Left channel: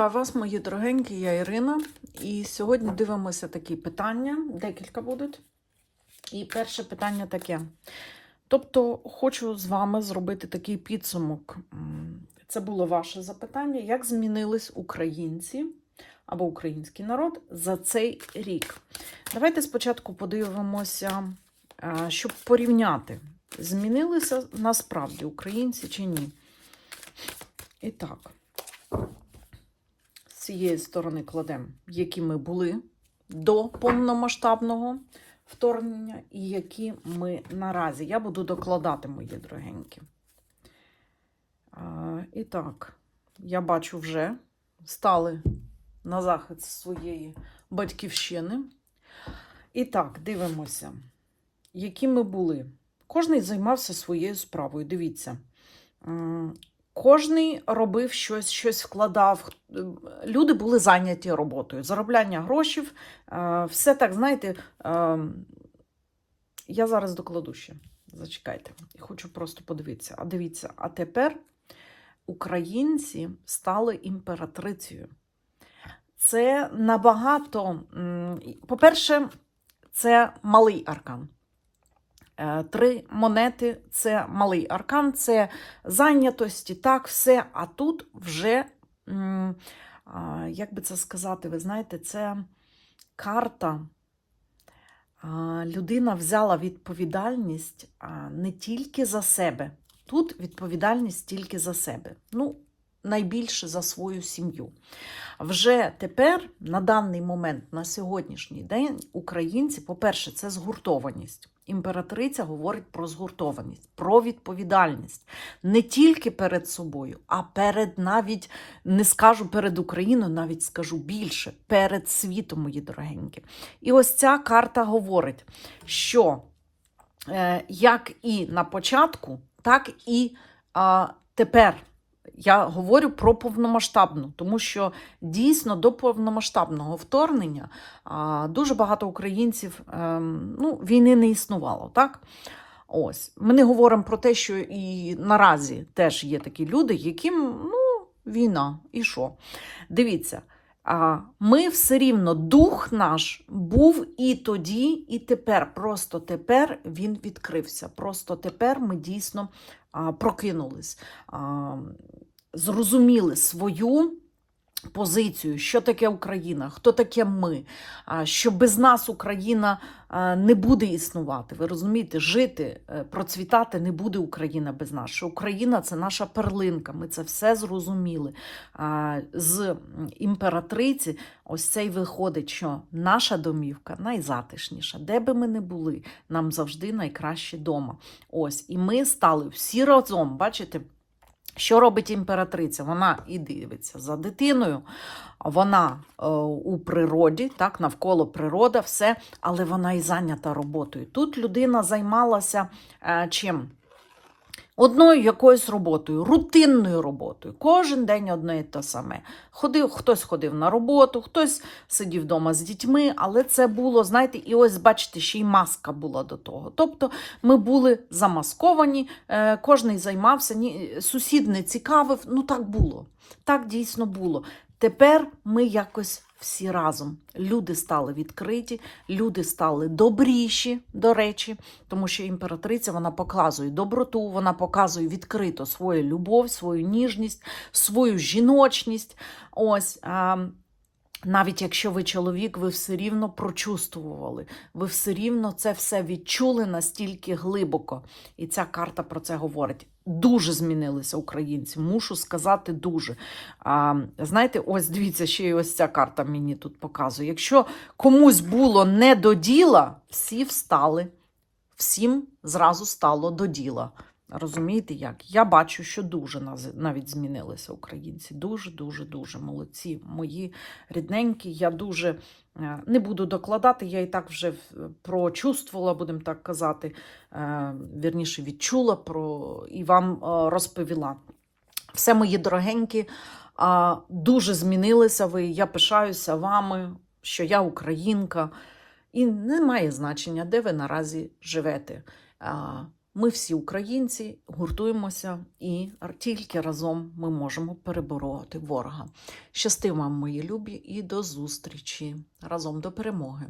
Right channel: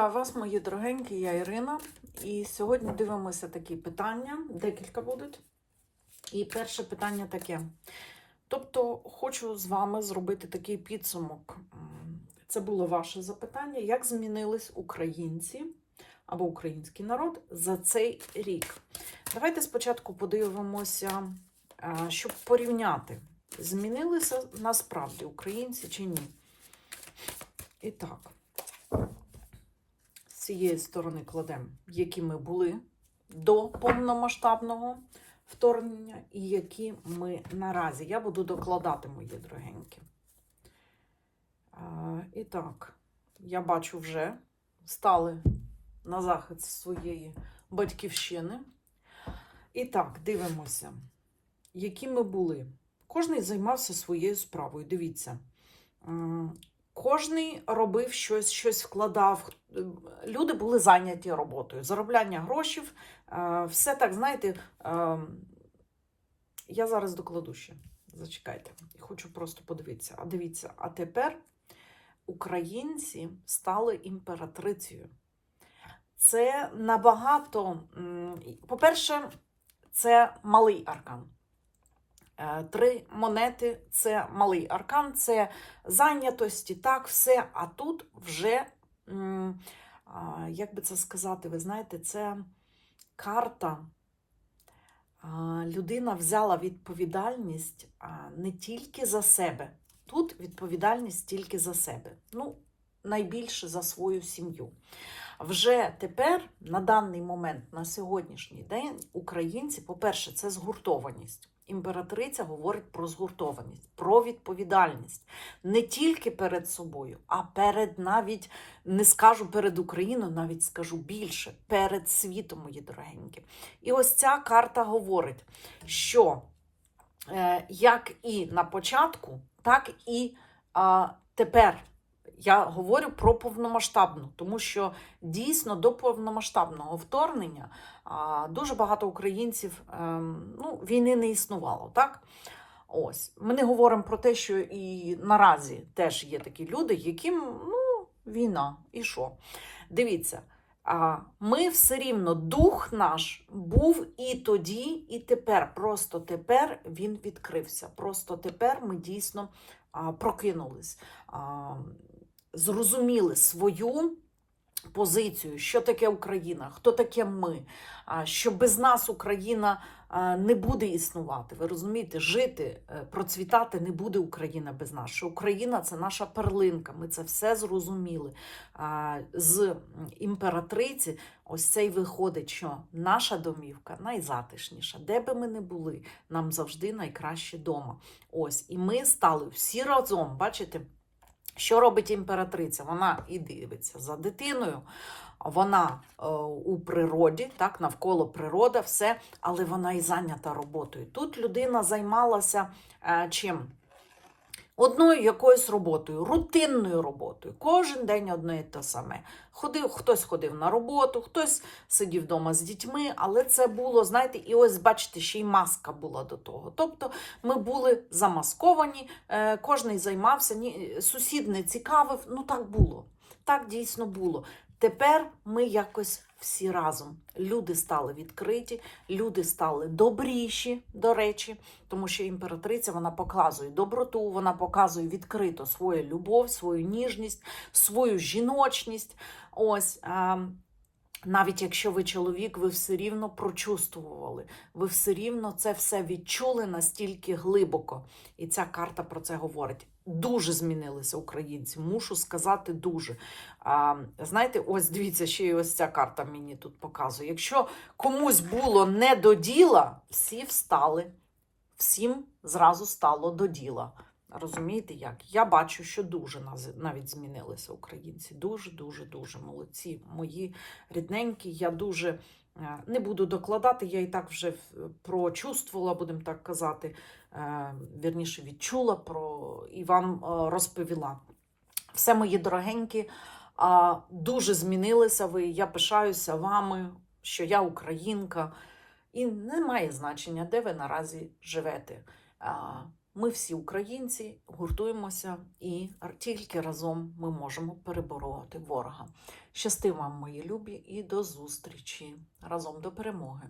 Вітаю вас, мої дорогенькі, я Ірина. І сьогодні дивимося такі питання. Декілька будуть. І перше питання таке. Тобто, хочу з вами зробити такий підсумок. Це було ваше запитання. Як змінились українці або український народ за цей рік? Давайте спочатку подивимося, е, щоб порівняти, змінилися насправді українці чи ні. І так цієї сторони кладемо, які ми були до повномасштабного вторгнення і які ми наразі. Я буду докладати, мої дорогенькі. А, і так, я бачу вже стали на захист своєї батьківщини. І так, дивимося, які ми були. Кожний займався своєю справою. Дивіться. Кожний робив щось, щось вкладав. Люди були зайняті роботою, заробляння грошей, е, все так, знаєте, е, я зараз докладу ще. Зачекайте, хочу просто подивитися. А дивіться, а тепер українці стали імператрицею. Це набагато, по-перше, це малий аркан. Е, Три монети це малий аркан, це зайнятості, так, все. А тут вже, як би це сказати, ви знаєте, це карта. Людина взяла відповідальність не тільки за себе. Тут відповідальність тільки за себе. Ну, найбільше за свою сім'ю. Вже тепер, на даний момент, на сьогоднішній день, українці, по-перше, це згуртованість. Імператриця говорить про згуртованість, про відповідальність не тільки перед собою, а перед навіть не скажу перед Україною, навіть скажу більше, перед світом, мої дорогенькі. І ось ця карта говорить, що е, як і на початку, так і тепер. Я говорю про повномасштабну, тому що дійсно до повномасштабного вторгнення дуже багато українців ем, ну, війни не існувало, так? Ось. Ми не говоримо про те, що і наразі теж є такі люди, яким ну, війна, і що? Дивіться, ми все рівно, дух наш був і тоді, і тепер. Просто тепер він відкрився. Просто тепер ми дійсно прокинулись. Зрозуміли свою позицію, що таке Україна, хто таке ми, що без нас Україна не буде існувати. Ви розумієте, жити, е, процвітати не буде Україна без нас. Що Україна це наша перлинка. Ми це все зрозуміли. З імператриці ось цей виходить, що наша домівка найзатишніша. Де би ми не були, нам завжди найкраще дома. Ось, і ми стали всі разом, бачите. Що робить імператриця? Вона і дивиться за дитиною, вона е, у природі, так, навколо природа, все, але вона і зайнята роботою. Тут людина займалася е, чим? Одною якоюсь роботою, рутинною роботою. Кожен день одне і те саме. Ходив, хтось ходив на роботу, хтось сидів вдома з дітьми, але це було, знаєте, і ось, бачите, ще й маска була до того. Тобто ми були замасковані, е, кожний займався, сусід не цікавив. Ну так було. Так дійсно було. Тепер ми якось всі разом. Люди стали відкриті, люди стали добріші, до речі, тому що імператриця вона показує доброту, вона показує відкрито свою любов, свою ніжність, свою жіночність. Ось. Навіть якщо ви чоловік, ви все рівно прочувствували, ви все рівно це все відчули настільки глибоко. І ця карта про це говорить. Дуже змінилися українці, мушу сказати, дуже. А, знаєте, ось дивіться, ще й ось ця карта мені тут показує. Якщо комусь було не до діла, всі встали, всім зразу стало до діла. Розумієте як? Я бачу, що дуже навіть змінилися українці. Дуже, дуже, дуже молодці. Мої рідненькі. Я дуже не буду докладати, я і так вже прочувствувала, будемо так казати. е, Вірніше відчула про і вам е, розповіла. Все, мої дорогенькі, дуже змінилися ви. Я пишаюся вами, що я українка. І не має значення, де ви наразі живете. Ми всі українці гуртуємося, і тільки разом ми можемо перебороти ворога. Щасти вам, мої любі, і до зустрічі разом до перемоги!